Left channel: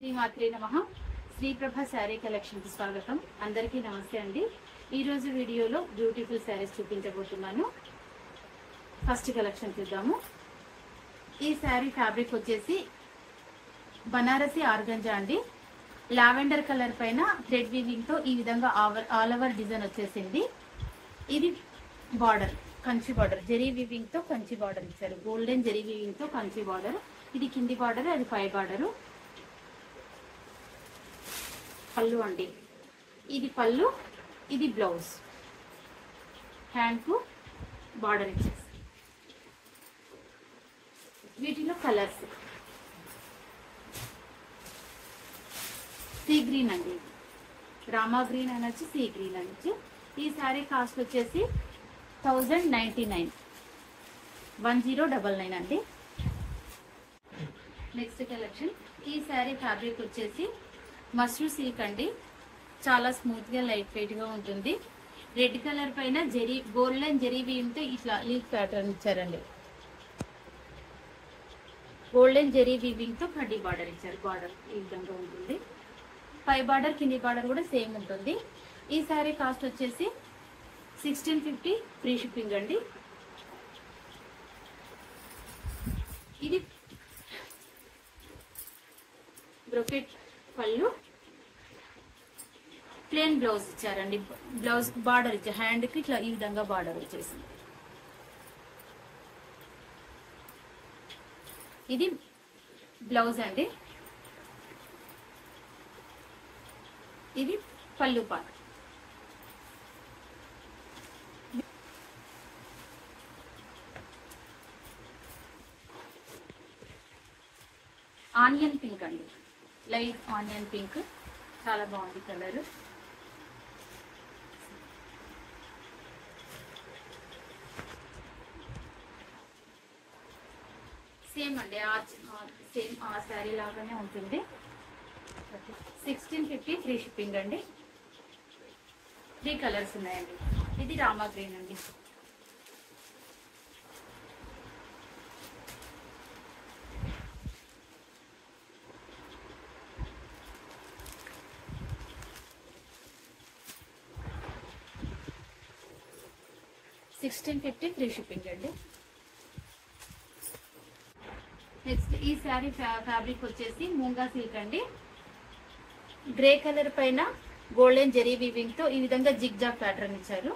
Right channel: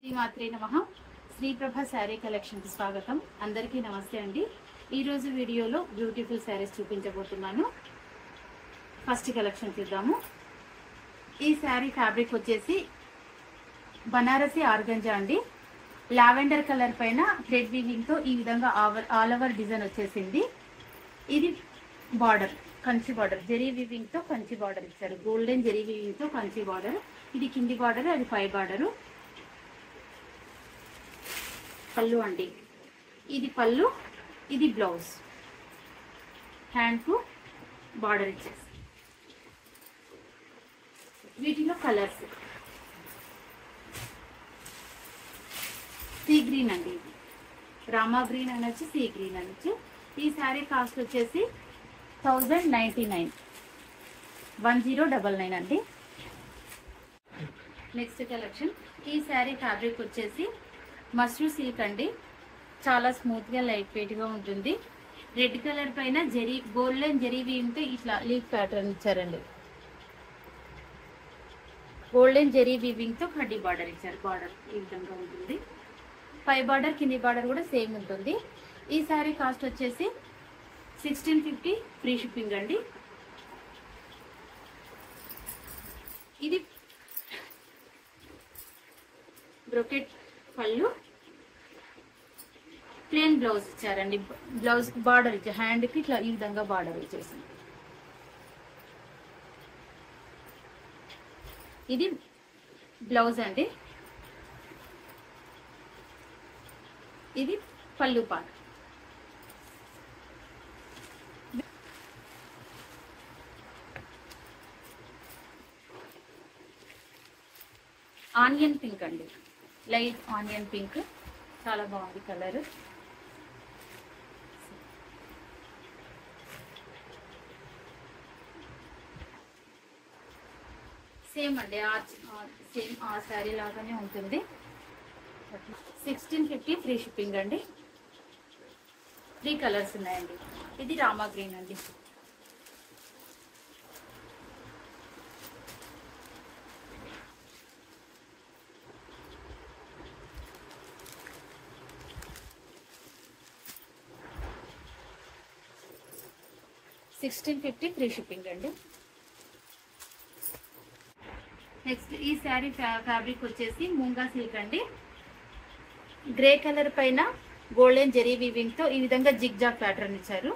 శ్రీమాత్రే నమః. శ్రీప్రభ శారీ కలెక్షన్ కి స్వాగతం. అందరికీ నమస్తే అండి. ఈ రోజు వీడియోలో బ్యూటిఫుల్ శారీస్ చూపించబోతున్నాను. ఫస్ట్ కలెక్షన్ చూద్దాము. ఈ శారీ ఫ్యాబ్రిక్ వచ్చేసి బనారసి ఆర్గంజా అండి. లావెండర్ కలర్ పైన థ్రెడ్ వీవింగ్ తో ఈ విధంగా ఆల్ ఓవర్ డిజైన్ వచ్చేసింది. ఇది border Kanchi border, zari weaving తో కంచి బార్డర్ ఇచ్చారు. గోల్డెన్ జరీ వీవింగ్ తో కంచి బార్డర్. ఇది కింది బార్డర్, అది పై బార్డరు. పళ్ళు అండి, ఇది పళ్ళు, ఇది బ్లౌజ్. హ్యాండ్ కు బార్డర్ ఇచ్చేసి వీటిలో కలర్స్ సీ గ్రీన్ అండి, రామా గ్రీన్ అనొచ్చు, సీ గ్రీన్ అనొచ్చు. ఈ శారీ కాస్ట్ వచ్చేసి 1099 1099 అండి. Next collection. ఈ శారీ ఫ్యాబ్రిక్ వచ్చేసి మష్రూ సిల్క్ అండి. చాలా స్మూత్ గా లైట్ వెయిట్ గా ఉంటుంది. రెడ్ కలర్ పైన జరీ గోల్డెన్ జరీ వీవింగ్ తో ఇట్లా లీఫ్ ప్యాటర్న్ ఇచ్చారండి. గోల్డెన్ జరీ వీవింగ్ తో కడ్డీ బార్డర్ ఇచ్చారు. బార్డర్ ఈ విధంగా ఉంటుంది. పై బార్డర్ కింది బార్డర్ కూడా సేమ్ ఉంటుంది. ఈ శారీ కాస్ట్ వచ్చేసి 1650 ఫ్రీ షిప్పింగ్ అండి. ఇది బ్రోకెట్ పళ్ళు, ప్లేన్ బ్లౌజ్ ఇచ్చారండి. బ్లౌజ్ కి బార్డర్ ఇచ్చారు. హ్యాండ్ కి ఇట్లా ఈ విధంగా బార్డర్ వచ్చేసింది. ఇది బ్లౌజ్ అండి. ఇది పళ్ళు పార్ట్. ఆనియన్ పింక్ అండి, లైట్ ఆనియన్ పింక్, చాలా బాగుంది కలర్. సేమ్ అండి, సేమ్ ఆ శారీ లాగానే ఉంటుంది. 1650 ఫ్రీ షిప్పింగ్ అండి. 3 కలర్స్ ఉన్నాయండి. ఇది రామా గ్రీన్ అండి. $1650 ఫ్రీ షిప్పింగ్ అండి. నెక్స్ట్ ఈ శారీ ఫ్యాబ్రిక్ వచ్చేసి మూంగా సిల్క్ అండి. గ్రే కలర్ పైన గోల్డెన్ జరీ వీవింగ్ తో ఈ విధంగా జిగ్ జాగ్ ప్యాటర్న్ ఇచ్చారు.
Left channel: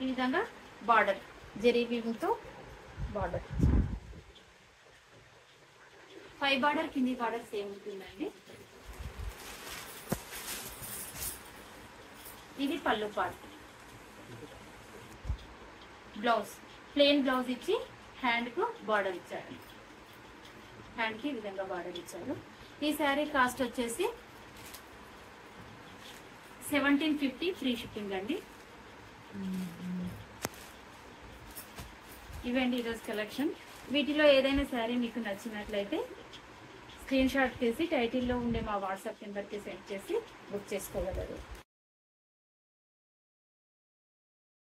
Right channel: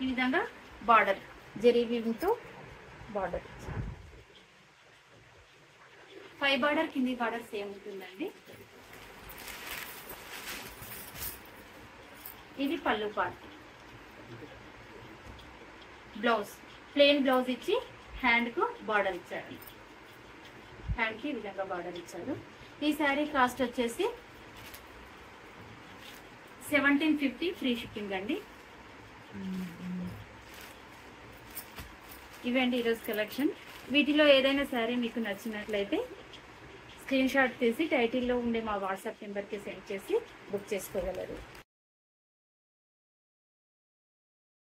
ఈ విధంగా బార్డర్ జరీ వీవింగ్ తో బార్డర్. పై బార్డర్ కింది బార్డర్ సేమ్ ఉంటుందండి. ఇది పళ్ళు పార్ట్. బ్లౌజ్ ప్లెయిన్ బ్లౌజ్ ఇచ్చి హ్యాండ్ కు బార్డర్ ఇచ్చారు. హ్యాండ్ కి ఈ విధంగా బార్డర్ ఇచ్చారు. ఈ శారీ కాస్ట్ వచ్చేసి 1750 ఫ్రీ షిప్పింగ్ అండి. ఇవండి ఈరోజు కలెక్షన్. వీటిలో ఏదైనా శారీ మీకు నచ్చినట్లయితే స్క్రీన్ షాట్ తీసి టైటిల్లో ఉండే మా వాట్సాప్ నెంబర్కి సెండ్ చేసి బుక్ చేసుకోగలరు.